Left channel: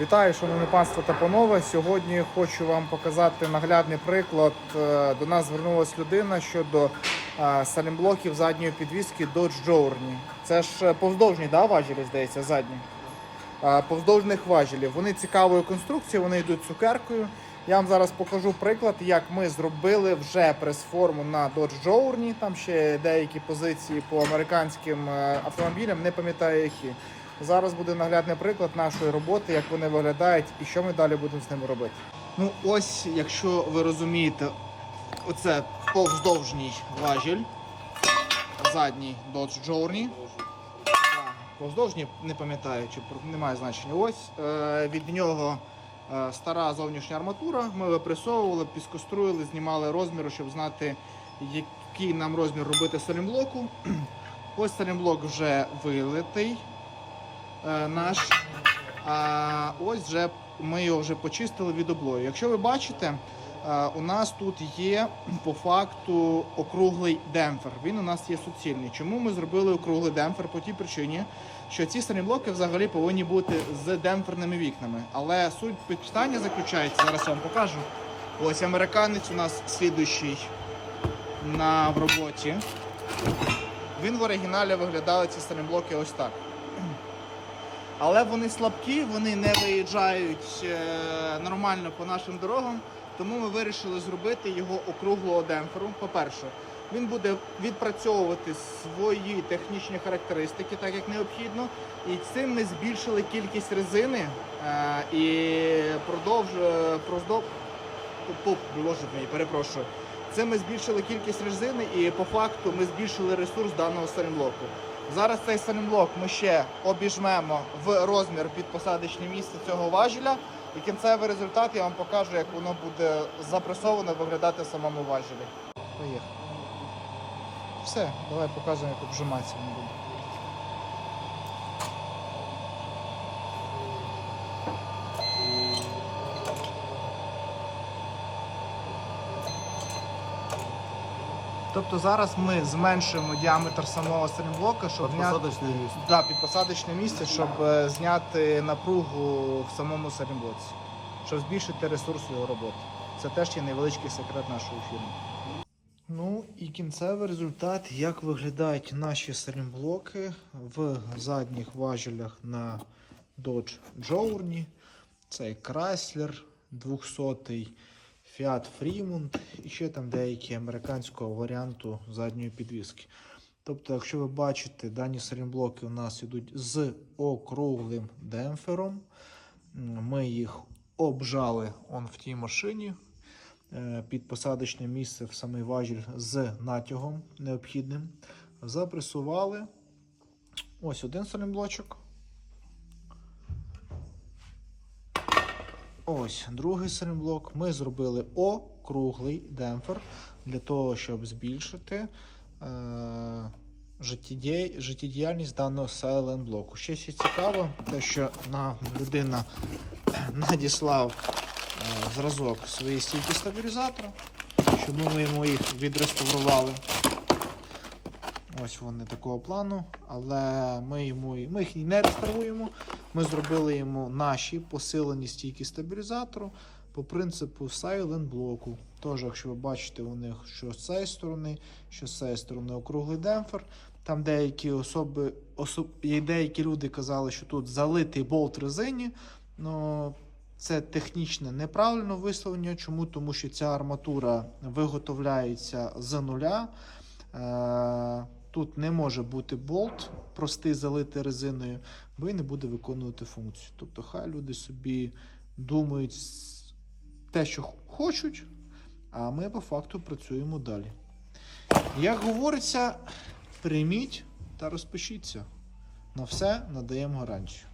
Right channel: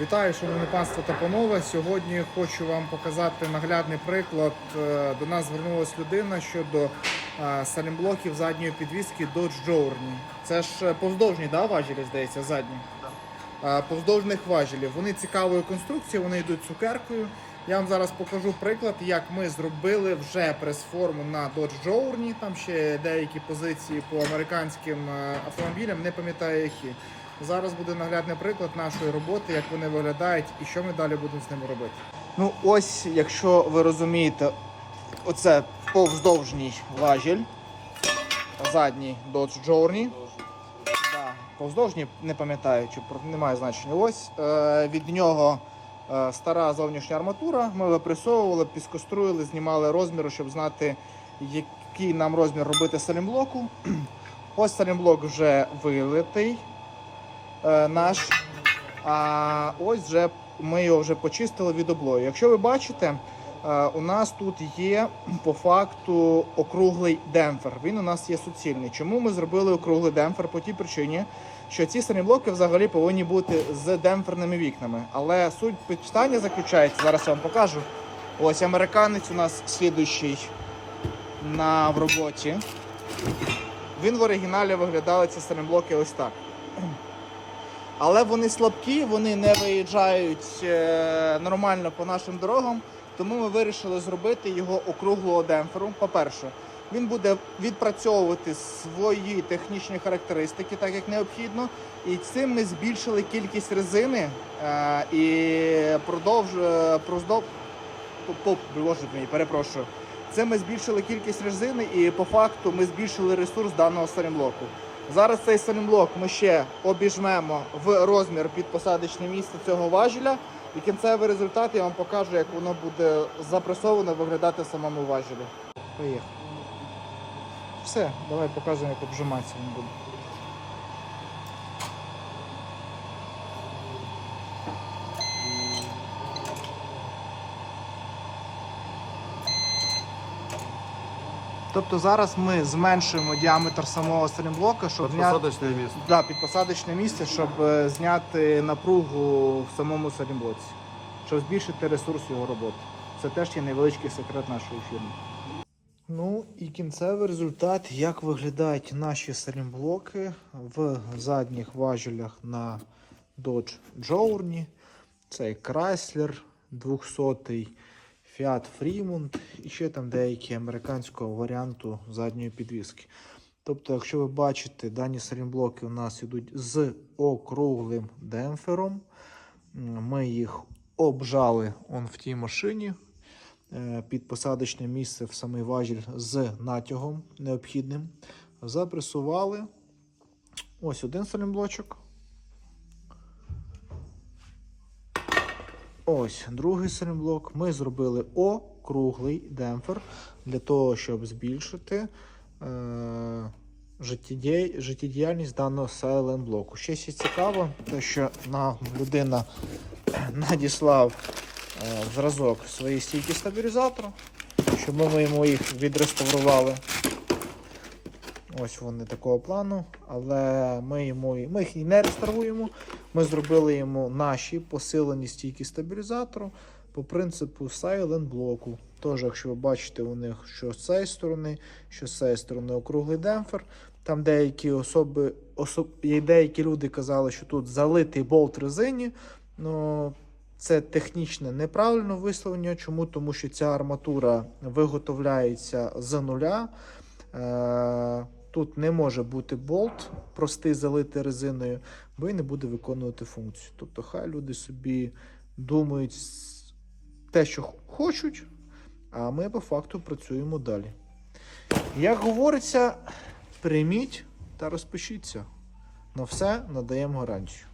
Вітаю, шановне панство та панове. Сьогодні хочу вам показати наглядний приклад. Е, До нас звернулася людина щодо е, салімблоків задньої підвіски Dodge Journey. Це ж е, повздовжні да, важелі, здається, задні. Повздовжних важелів. Вони цікавої конструкції, вони йдуть цукеркою. Я вам зараз покажу приклад, як ми зробили вже прес-форму на Dodge Journey. Там ще деякі позиції по американським автомобілям, не пам'ятаю які. Зараз буде наглядний приклад нашої роботи, як вони виглядають і що ми далі будемо з ними робити. Ну, ось, якщо ви розумієте, оце повздовжній важіль, задній Dodge Journey. Повздовжній, не пам'ятаю, чи немає значення. Ось е, від нього е, стара зовнішня арматура. Ми випресовували, піскоструїли, знімали розміри, щоб знати, який нам розмір робити салімблоку. Ось салімблок вже вилитий наш. А ось вже ми його вже почистили від облою. Якщо ви бачите, е, у нас тут є по факту округлий демпфер. Він у нас є суцільний. Чому ми зробили округлий демпфер? По тій причині, що ці блоки взагалі повинні бути з демпферними вікнами. Але суть питання заключається, зараз я вам покажу. Ось американець у нас слідуючий на в роботі. Він в оригіналі виглядали ці блоки ось так. Але вони слабкі, вони не виїжджають е, нормально по нашим дорогам, тому ми вирішили зробити його округлого демпферу. По-перше, він буде відпрацьовувати свої технічні характеристики, так як необхідно. І цим ми збільшили кількість резини е, і продовж е, боже мій, перепрошую. Це ми збільшили кількість резини і по факту ми збільшили ресурс даного салімблоку. Зараз цей салімблок ми ще обіжмемо в розмір під посадочне місце цього важеля. І кінцевий результат я вам покажу, як воно буде запресовано виглядати в самому важелі. Поїхали. Все, давай покажемо, як обжимається воно буде. Тобто зараз ми зменшуємо діаметр самого салімблока, щоб зняти Посадочне місце. да, під посадочне місце, щоб е, зняти напругу в самому салімблоці, щоб збільшити ресурс його роботи. Це теж є невеличкий секрет нашої фірми. Ну і кінцевий результат, як виглядають наші салімблоки в задніх важелях на Dodge Journey. Це Chrysler 200 Fiat Fremont і ще там деякі американського варіанту задньої підвіски. Тобто, якщо ви бачите, дані салімблоки у нас йдуть з округлим демпфером. Ми їх обжали он в тій машині е, під посадочне місце в самий важіль з натягом необхідним. Запресували. Ось один салімблочок. Ось другий салімблок. Ми зробили округлий демпфер для того, щоб збільшити е, життєдіяльність даного сайлент-блоку. Ще є цікаво, те, що нам людина надіслав е, зразок своєї стійки стабілізатору, щоб ми йому їх відреставрували. Ось вони такого плану, але ми, йому, ми їх не реставруємо. Ми зробили йому наші посилені стійки стабілізатору по принципу Silent блоку. Тож, якщо ви бачите у них, що з цієї сторони, що з цієї сторони округлий демпфер. Там деякі особи, особ, є деякі люди казали, що тут залитий болт резині. Ну, це технічне неправильне висловлення. Чому? Тому що ця арматура виготовляється з нуля. Е, Тут не може бути болт, простий залитий резиною, бо він не буде виконувати функцію. Тобто, хай люди собі думають те, що хочуть, а ми по факту працюємо далі. Як говориться, прийміть та розпишіться. На все надаємо гарантію.